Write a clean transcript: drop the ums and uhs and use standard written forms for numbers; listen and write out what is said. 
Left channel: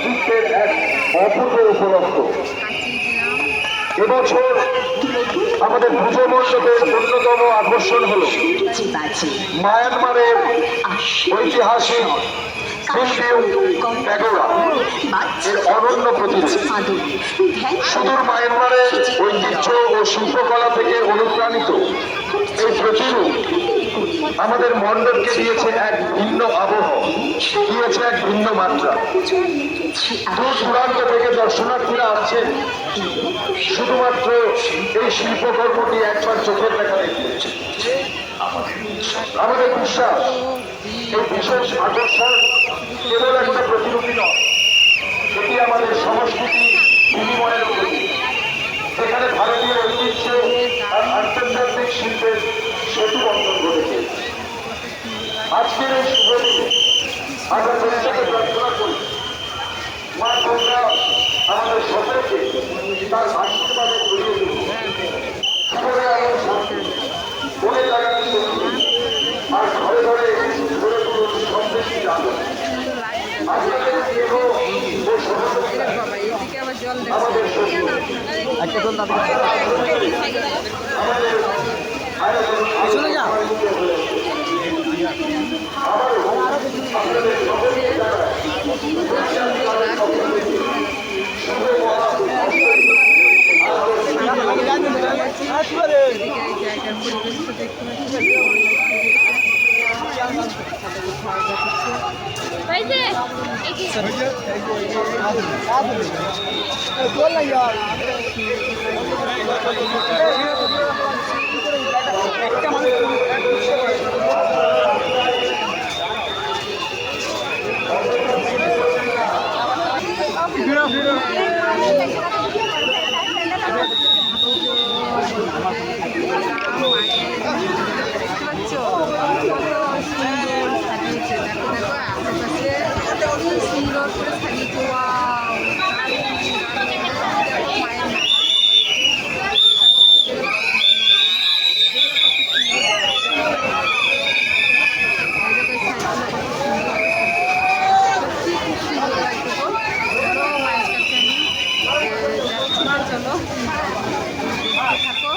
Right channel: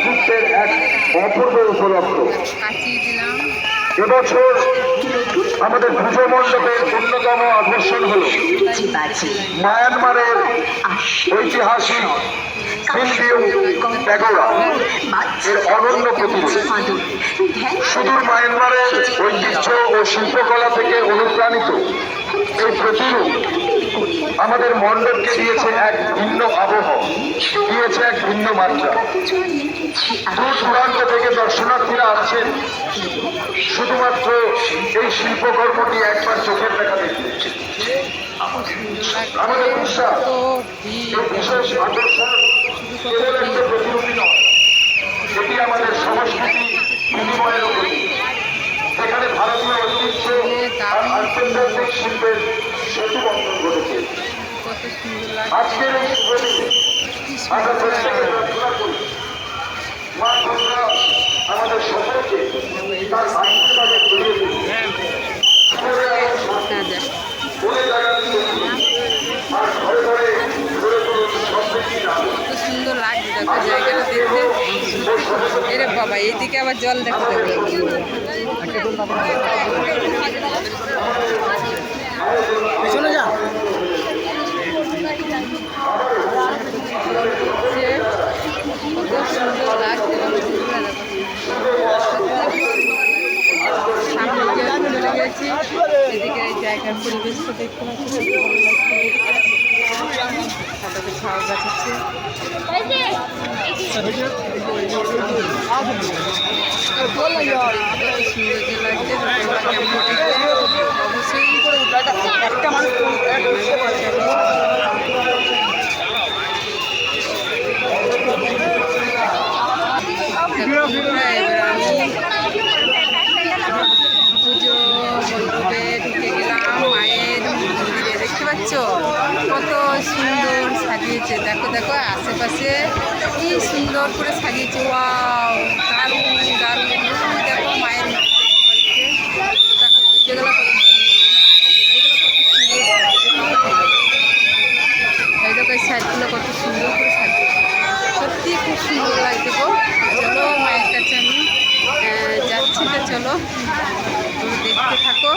ভ্রাতৃত্বের এক অপূর্ব উপলক্ষ। এবছর আমাদের পুজো মণ্ডপের অন্যতম আকর্ষণ হল মায়ানমারের ঐতিহাসিক প্যাগোডা এর অনন্য প্রতিরূপ। সুদূর মায়ানমারের ঐতিহ্য ও শিল্পকলা থেকে অনুপ্রাণিত এই প্রতিরূপ আমাদের মণ্ডপকে দিয়েছে এক ভিন্ন আবহ, দিয়েছে এক ভিন্ন মাত্রা। দূর দূরান্ত থেকে দর্শনার্থীরা আসছেন শুধুমাত্র এই শিল্পকর্মটি একবার চোখের দেখা দেখতে। আমাদের বিশ্বাস এই বিশেষ আকর্ষণ কেবল একটা প্রতিরূপী নয়, এটি আমাদের সংস্কৃতি বিনিময়ের প্রতীক, যেখানে ভারতীয় ঐতিহ্য আর আন্তর্জাতিক শিল্পের সেতু বন্ধন ঘটেছে। আজকের এই শুভ দিনে আমরা প্রত্যেকে প্রার্থনা করি মা গঙ্গা আমাদের সকলকে তার আশীর্বাদে ছড়িয়ে দিন, বলে জায়গাটি আর ঘরে ঘরে ঘুরে তুলুন সমৃদ্ধি দান। বাবা এইদিকে আবার জল দেখতে চলে যা। এদিকে এই জায়গার পরিবেশটা দেখতে পাচ্ছি, ছাও গাছ আছে। একটা মানুষ পুজো মণ্ডপে ঢুকে গেলাম। মায়ের দেখতে পাচ্ছ কত সুন্দর সাজিয়েছে। দেখো দেখো আশেপাশে কি সুন্দর করে সাজিয়েছে। ওয়াও, দারুণ দারুণ। দেখো মায়ের সাইডগুলো কত সুন্দর করে সাজিয়েছে। সত্যি খুব সুন্দর লাগছে গো। চলো মায়ের কাছে আমি যাচ্ছি, তো চলো দেখতে থাকো।